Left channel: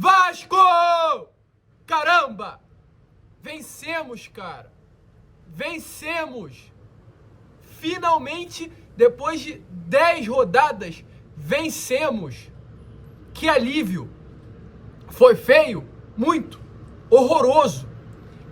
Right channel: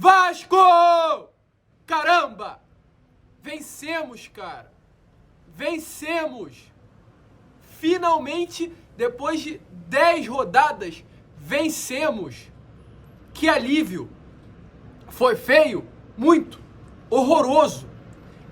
Vasco! Caramba! Vencemos, cara. Vencemos. Finalmente, depois de 10 rodadas, vencemos. Que alívio. Foi feio? Muito. Horroroso.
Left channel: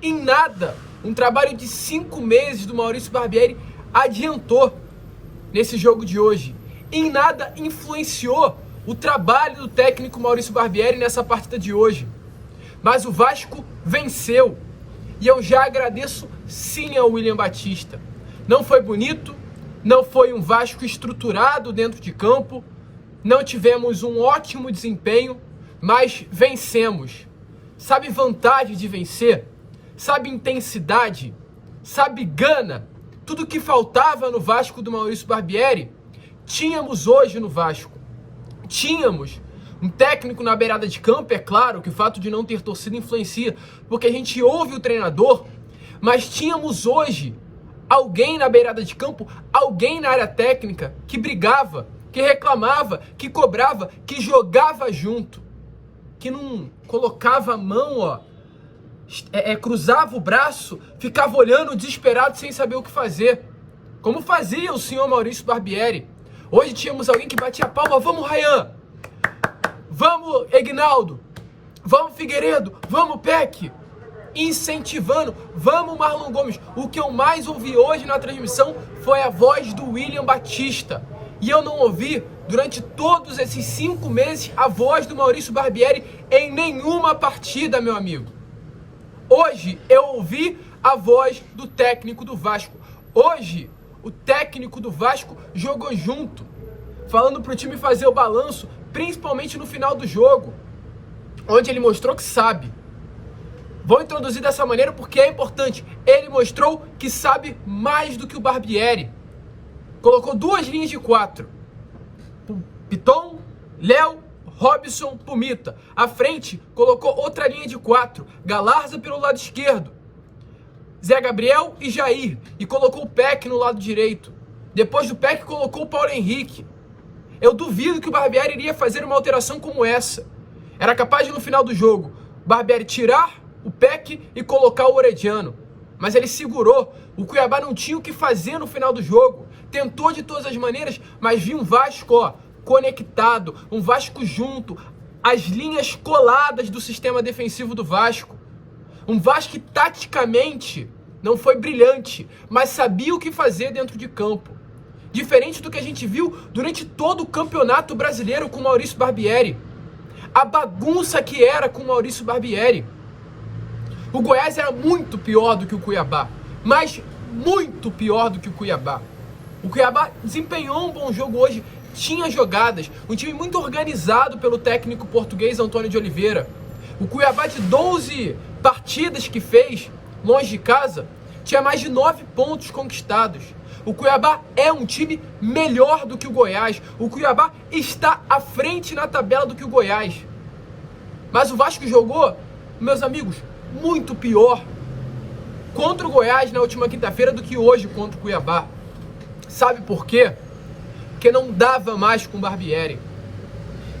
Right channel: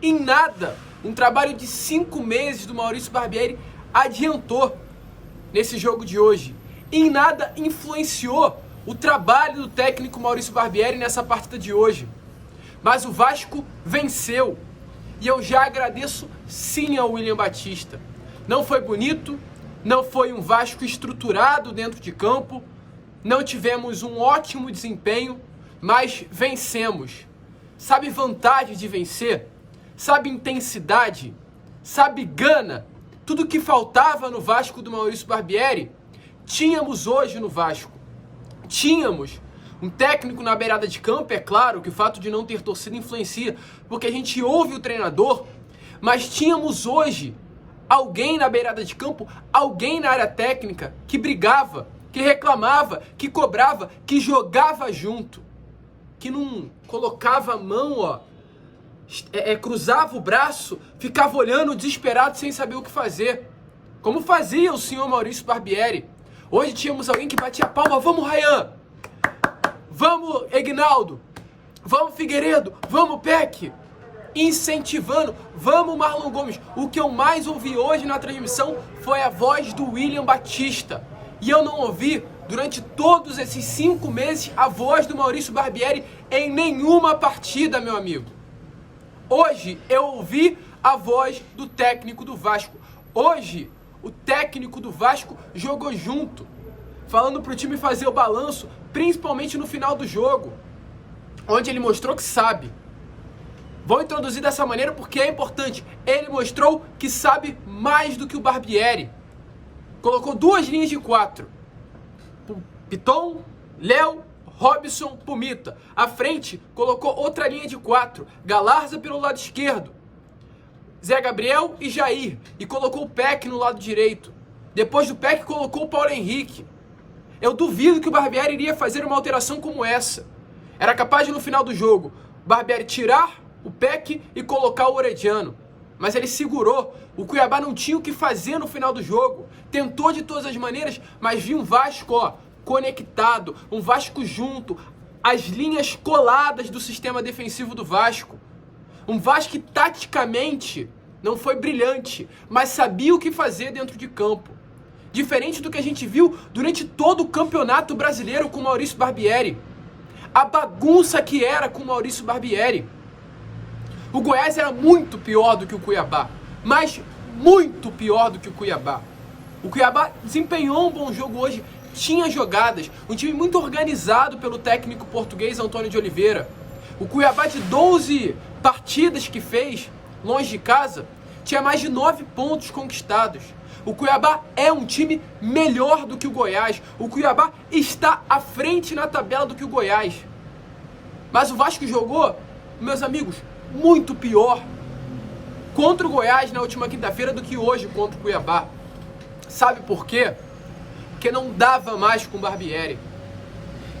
Em nada, um trabalho de 5 meses do Maurício Barbieri adiantou nesse jogo de hoje. Em nada influenciou o trabalho do técnico Maurício Barbieri nessa partida de hoje. Mas o Vasco venceu. E eu já agradeço sim ao William Batista. Não foi bonito, não foi um Vasco estruturado dentro de campo, não tivemos um ótimo desempenho, mas vencemos. Sabe vantagem de vencer? Sabe intensidade? Sabe gana? Tudo que faltava no Vasco do Maurício Barbieri, tínhamos hoje no Vasco. Tínhamos um técnico na beirada de campo, é claro que o fato de não ter torcida influencia, porque a gente ouve o treinador, mas tínhamos hoje alguém na beirada de campo, alguém na área técnica que brigava, que reclamava, que cobrava, que jogava junto, que não colocava a mão, cruzava o braço, ficava olhando desesperado sem saber o que fazer, como fazia o senhor Maurício Barbieri. Hoje tínhamos alguém que batia a palma: vamos Ryan, vamos Egnaldo, vamos Figueiredo, vamos Peck, incentivando, vamos Marlon Gomes. O que eu mais ouvi hoje na transmissão foi a voz do William Batista. E eu não ouvi, durante todos esses 5 meses, a voz do Maurício Barbieri em nenhuma partida, meu amigo. Hoje eu ouvi a voz do técnico do Vasco. Hoje o técnico do Vasco jogou junto, falando pro time fazer o balanço, principalmente no final do jogo, onde ele mostrou que sabe. Vou introduzir dessa maneira porque é importante. Ele mostrou que sabe mais do que o Barbieri. Colocou 2 linhas de 4. Piton, Léo, Robson, Pumita. À frente, colocou outra linha de 4. Galarza pelo lado esquerdo, Zé Gabriel e Jair. E colocou o Peck no lado direito. Depois do Peck, colocou o Paulo Henrique. Eu duvido que o Barbieri iria fazer uma alteração como essa. Era capaz de, no final do jogo, o Barbieri tirar o Peck e colocar o Orediano. Mas ele segurou. O Cuiabá não tinha o que fazer no final do jogo. Tentou de todas as maneiras, mas viu um Vasco, conectado, um Vasco junto, as linhas coladas do sistema defensivo do Vasco. Um Vasco que taticamente não foi brilhante, mas sabia o que fazer dentro de campo. Diferente do que a gente viu durante todo o Campeonato Brasileiro com o Maurício Barbieri. A bagunça que era com o Maurício Barbieri. O Goiás era muito pior do que o Cuiabá, mas muito pior do que o Cuiabá. O Cuiabá desempenhou um bom jogo hoje, tinha jogadas, um time muito organizado pelo técnico português Antônio de Oliveira. O Cuiabá, de 12 partidas que fez longe de casa, tinha mais de 9 pontos conquistados. O Cuiabá é um time melhor do que o Goiás. O Cuiabá está à frente na tabela do que o Goiás. Mas o Vasco jogou, meus amigos, muito pior contra o Goiás na última quinta-feira do que hoje contra o Cuiabá. Sabe por quê? Porque não dava mais com o Barbieri.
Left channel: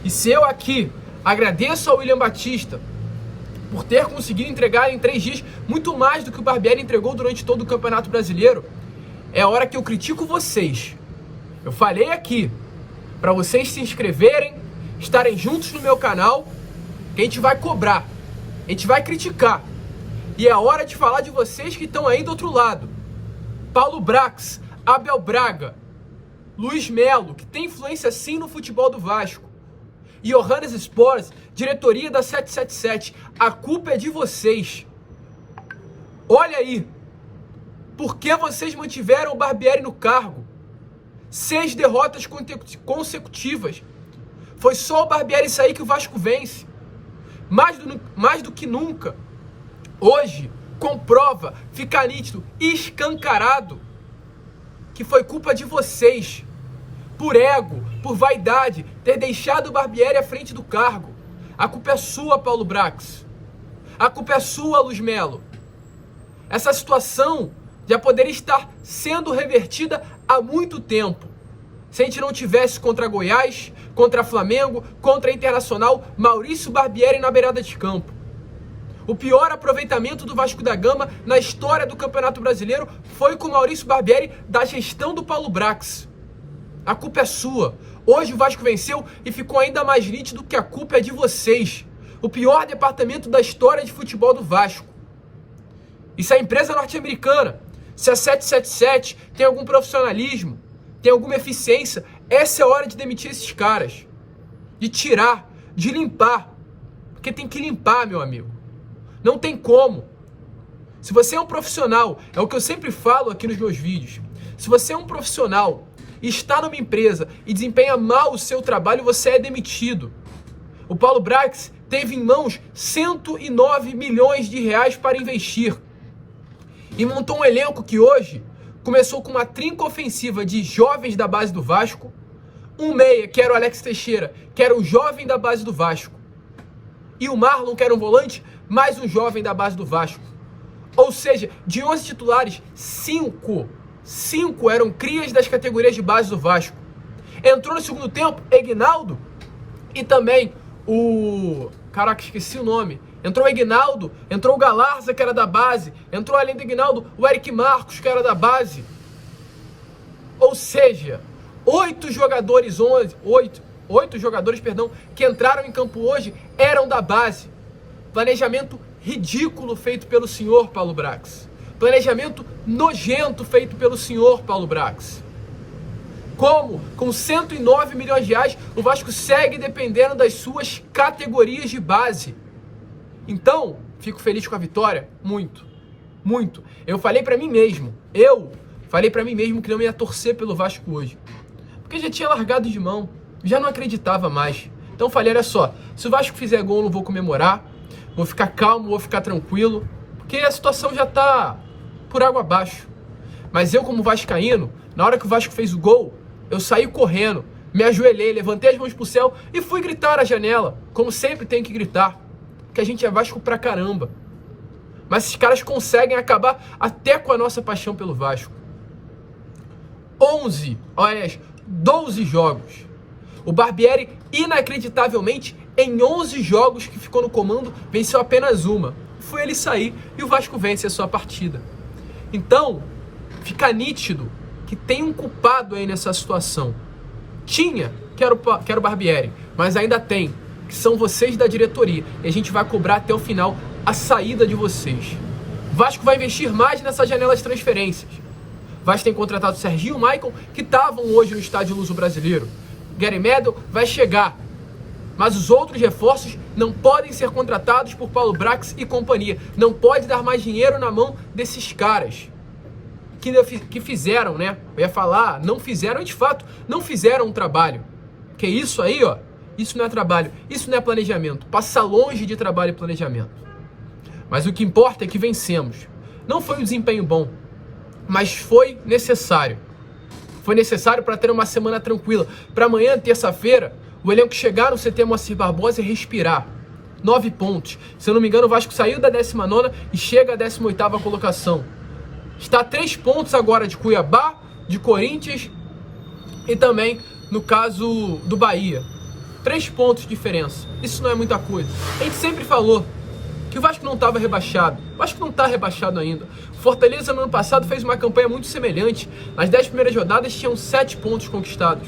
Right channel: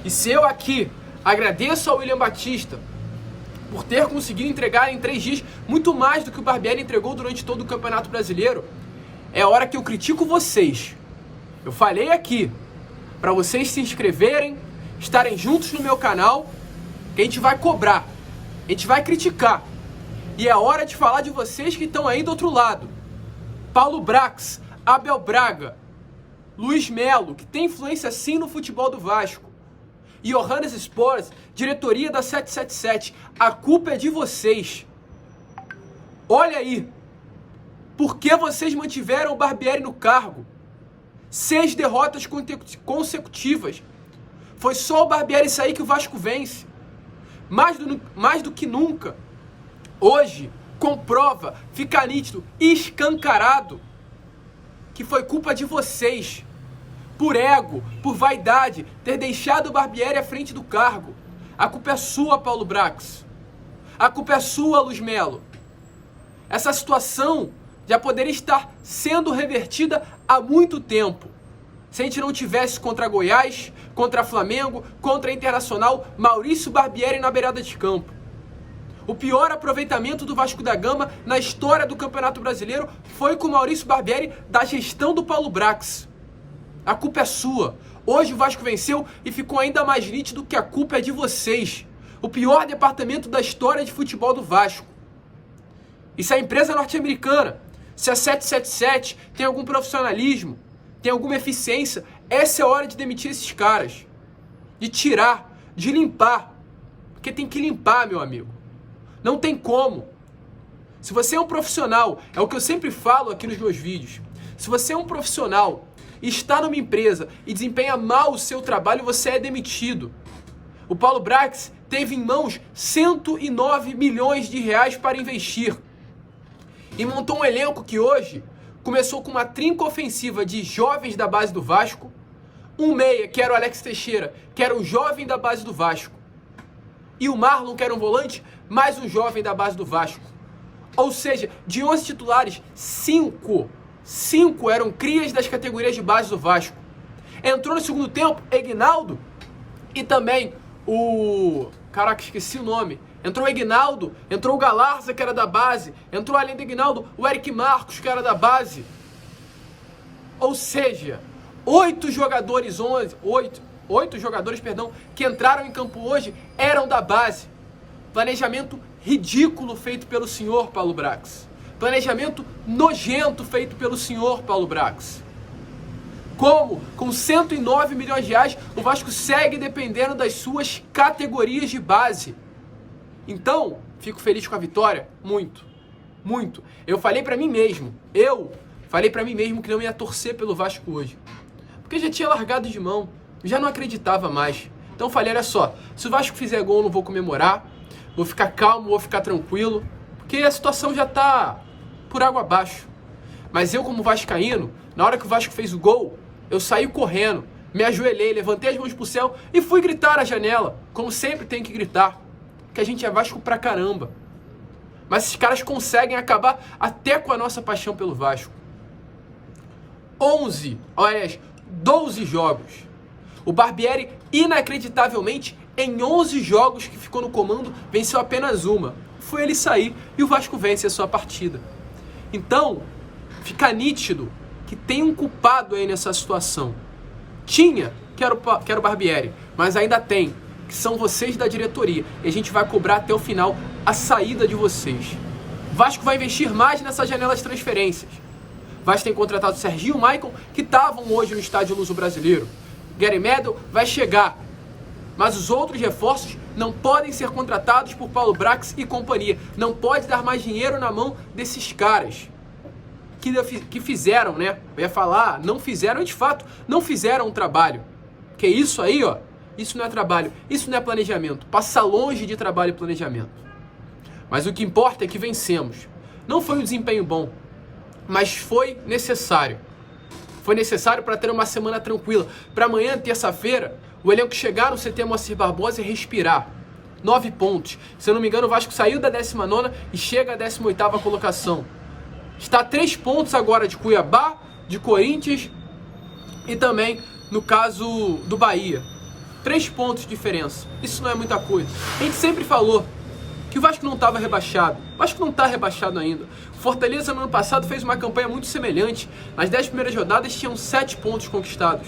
E se eu aqui agradeço ao William Batista por ter conseguido entregar em 3 dias muito mais do que o Barbieri entregou durante todo o Campeonato Brasileiro, é a hora que eu critico vocês. Eu falei aqui para vocês se inscreverem, estarem juntos no meu canal, que a gente vai cobrar, a gente vai criticar. E é a hora de falar de vocês que estão aí do outro lado. Paulo Brax, Abel Braga, Luiz Melo, que tem influência sim no futebol do Vasco, e Johannes Sports, diretoria da 777, a culpa é de vocês. Olha aí, por que vocês mantiveram o Barbieri no cargo? 6 derrotas consecutivas. Foi só o Barbieri sair que o Vasco vence. Mais do que nunca. Hoje, comprova, fica nítido, escancarado, que foi culpa de vocês. Por ego, por vaidade, ter deixado o Barbieri à frente do cargo. A culpa é sua, Paulo Brax. A culpa é sua, Luiz Melo. Essa situação já poderia estar sendo revertida há muito tempo. Se a gente não tivesse contra Goiás, contra Flamengo, contra Internacional, Maurício Barbieri na beirada de campo. O pior aproveitamento do Vasco da Gama na história do Campeonato Brasileiro foi com o Maurício Barbieri da gestão do Paulo Brax. A culpa é sua. Hoje o Vasco venceu e ficou ainda mais nítido que a culpa é de vocês. O pior departamento da história de futebol do Vasco. E se a empresa norte-americana, se a 777 tem algum profissionalismo, tem alguma eficiência, essa é a hora de demitir esses caras. De tirar, de limpar. Porque tem que limpar, meu amigo. Não tem como. Se você é um profissional, é o que eu sempre falo aqui nos meus vídeos. Se você é um profissional e está numa empresa e desempenha mal o seu trabalho, você é demitido. O Paulo Brax teve em mãos 109 milhões de reais para investir. E montou um elenco que hoje começou com uma trinca ofensiva de jovens da base do Vasco, um meia, que era o Alex Teixeira, que era o jovem da base do Vasco, e o Marlon, que era um volante, mais um jovem da base do Vasco. Ou seja, de 11 titulares, 5 eram crias das categorias de base do Vasco. Entrou no segundo tempo Egnaldo e também o... Caraca, esqueci o nome. Entrou o Egnaldo, entrou o Galarza, que era da base. Entrou além do Egnaldo o Eric Marcos, que era da base. Ou seja, 8 jogadores, que entraram em campo hoje eram da base. Planejamento ridículo feito pelo senhor Paulo Brax. Planejamento nojento feito pelo senhor Paulo Brax. Como, com 109 milhões de reais, o Vasco segue dependendo das suas categorias de base. Então, fico feliz com a vitória? Muito. Muito. Eu falei pra mim mesmo que não ia torcer pelo Vasco hoje. Porque já tinha largado de mão. Já não acreditava mais. Então falei, olha só, se o Vasco fizer gol, eu não vou comemorar. Vou ficar calmo, vou ficar tranquilo. Porque a situação já tá por água abaixo. Mas eu, como vascaíno, na hora que o Vasco fez o gol, eu saí correndo, me ajoelhei, levantei as mãos pro céu e fui gritar na janela. Como sempre tem que gritar. Porque a gente é Vasco pra caramba. Mas esses caras conseguem acabar até com a nossa paixão pelo Vasco. 12 jogos. O Barbieri, inacreditavelmente, em 11 jogos que ficou no comando, venceu apenas uma. Foi ele sair e o Vasco vence a sua partida. Então, fica nítido que tem um culpado aí nessa situação. Tinha, que era o Barbieri, mas ainda tem, que são vocês da diretoria. E a gente vai cobrar até o final a saída de vocês. O Vasco vai investir mais nessa janela de transferências. O Vasco tem contratado o Serginho e o Maicon, que estavam hoje no estádio Luso Brasileiro. Gary Medel vai chegar. Mas os outros reforços não podem ser contratados por Paulo Brax e companhia. Não pode dar mais dinheiro na mão desses caras que fizeram, né? Eu ia falar, não fizeram, e de fato, não fizeram um trabalho. Porque isso aí, ó, isso não é trabalho, isso não é planejamento. Passa longe de trabalho e planejamento. Mas o que importa é que vencemos. Não foi um desempenho bom, mas foi necessário. Foi necessário para ter uma semana tranquila. Para amanhã, terça-feira, o elenco chegar no CT Moacir Barbosa e respirar. 9 pontos. Se eu não me engano, o Vasco saiu da 19ª e chega à 18ª colocação. Está a 3 pontos agora de Cuiabá, de Corinthians e também, no caso, do Bahia. 3 pontos de diferença. Isso não é muita coisa. A gente sempre falou que o Vasco não estava rebaixado. O Vasco não está rebaixado ainda. O Fortaleza, no ano passado, fez uma campanha muito semelhante. Nas 10 primeiras rodadas, tinham 7 pontos conquistados.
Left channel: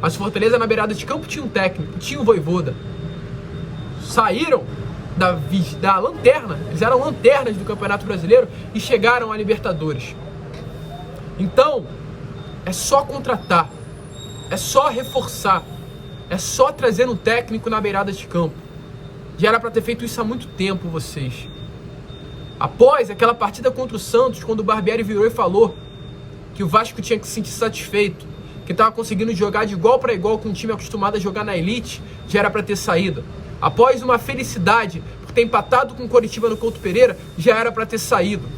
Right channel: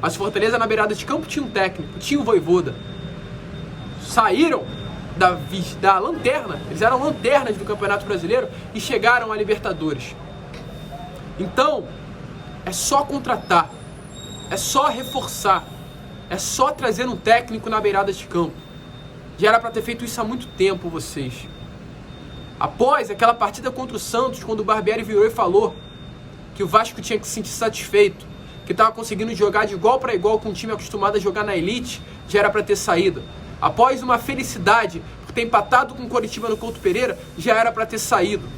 Mas o Fortaleza, na beirada de campo, tinha um técnico, tinha um Vojvoda. Saíram da lanterna, eles eram lanternas do Campeonato Brasileiro e chegaram à Libertadores. Então, é só contratar, é só reforçar, é só trazer um técnico na beirada de campo. Já era para ter feito isso há muito tempo, vocês. Após aquela partida contra o Santos, quando o Barbieri virou e falou que o Vasco tinha que se sentir satisfeito, que estava conseguindo jogar de igual para igual com um time acostumado a jogar na elite, já era para ter saído. Após uma felicidade por ter empatado com o Coritiba no Couto Pereira, já era para ter saído.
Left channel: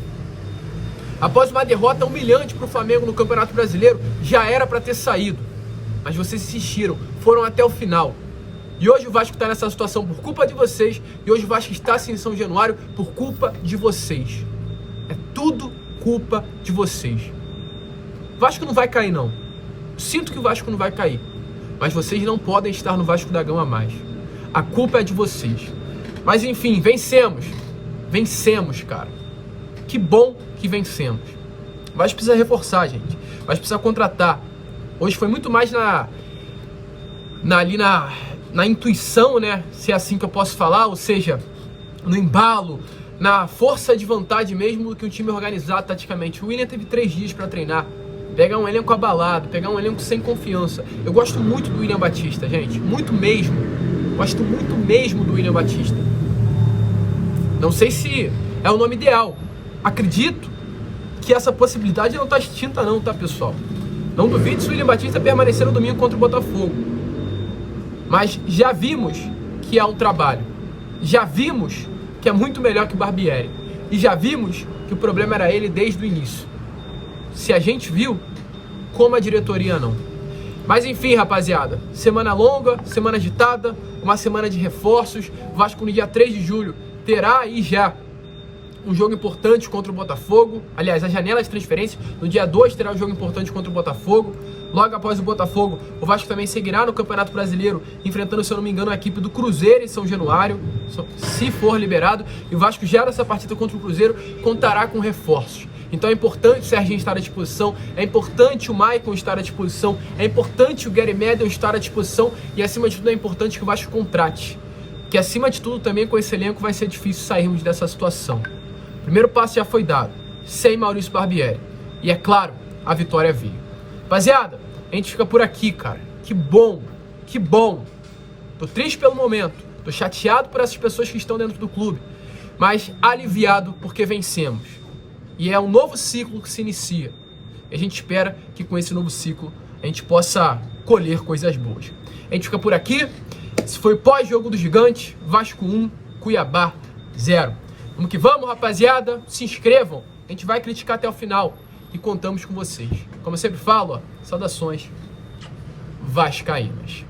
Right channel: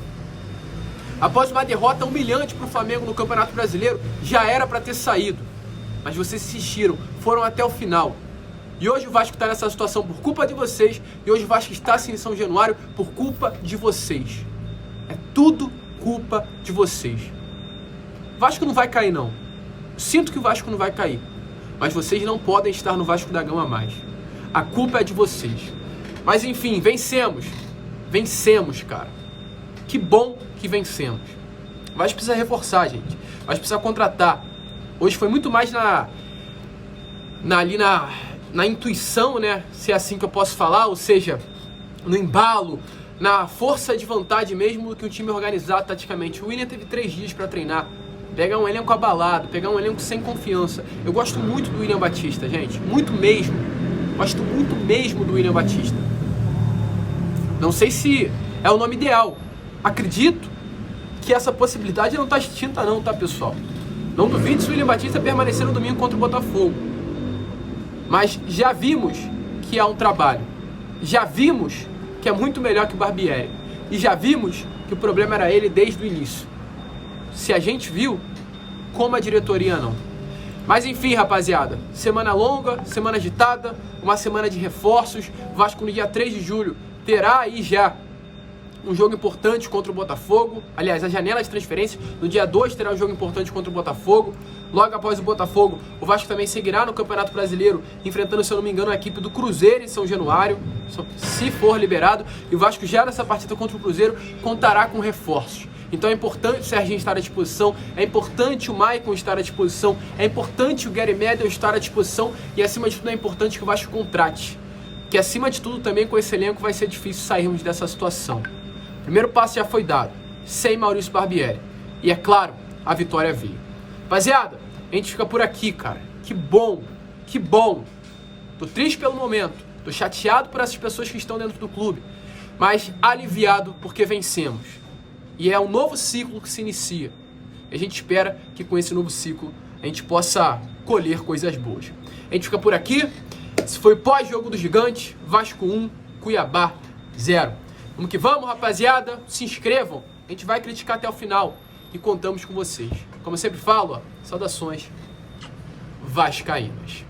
Após uma derrota humilhante para o Flamengo no Campeonato Brasileiro, já era para ter saído. Mas vocês insistiram, foram até o final. E hoje o Vasco está nessa situação por culpa de vocês, e hoje o Vasco está assim em São Januário por culpa de vocês. É tudo culpa de vocês. O Vasco não vai cair, não. Sinto que o Vasco não vai cair. mas vocês não podem estar no Vasco da Gama mais. A culpa é de vocês. Mas enfim, vencemos. Vencemos, cara. Que bom que vencemos. Mas precisa reforçar, gente. Mas precisa contratar. Hoje foi muito mais na intuição, né? Se é assim que eu posso falar, ou seja, no embalo, na força de vontade mesmo do que um time organizado taticamente. O William teve 3 dias para treinar. Pegar um elenco abalado, pegar um elenco sem confiança. Eu gosto muito do William Batista, gente. Muito mesmo. Gosto muito mesmo do William Batista. Não sei se é o nome ideal. Acredito que essa possibilidade não está extinta não, tá, pessoal? Não duvide se o William Batista permanecer no domingo contra o Botafogo. Mas já vimos que é um trabalho. Já vimos que é muito melhor que o Barbieri. E já vimos que o problema era ele desde o início. Se a gente viu, como a diretoria não. Mas enfim, rapaziada, semana longa, semana agitada, uma semana de reforços. Vasco no dia 3 de julho terá aí já um jogo importante contra o Botafogo. Aliás, a janela de transferência, no dia 2 terá um jogo importante contra o Botafogo. Logo após o Botafogo, o Vasco também seguirá no Campeonato Brasileiro, enfrentando, se eu não me engano, a equipe do Cruzeiro em São Januário, se for liberado. E o Vasco já nessa partida contra o Cruzeiro contará com reforços. Então é importante o Serginho estar à disposição, é importante o Maicon estar à disposição, é importante o Gary Medel estar à disposição e, acima de tudo, é importante que o Vasco contrate. Que, acima de tudo, também com esse elenco vai ser difícil sairmos dessa situação. O primeiro passo já foi dado, sem Maurício Barbieri. E, é claro, a vitória veio. Rapaziada, a gente fica por aqui, cara. Que bom, que bom. Tô triste pelo momento, tô chateado por essas pessoas que estão dentro do clube, mas aliviado porque vencemos. E é um novo ciclo que se inicia. A gente espera que com esse novo ciclo a gente possa colher coisas boas. A gente fica por aqui. Esse foi o pós-jogo do Gigante. Vasco 1, Cuiabá 0. Vamos que vamos, rapaziada. Se inscrevam. A gente vai criticar até o final. E contamos com vocês. Como eu sempre falo, saudações vascaínas.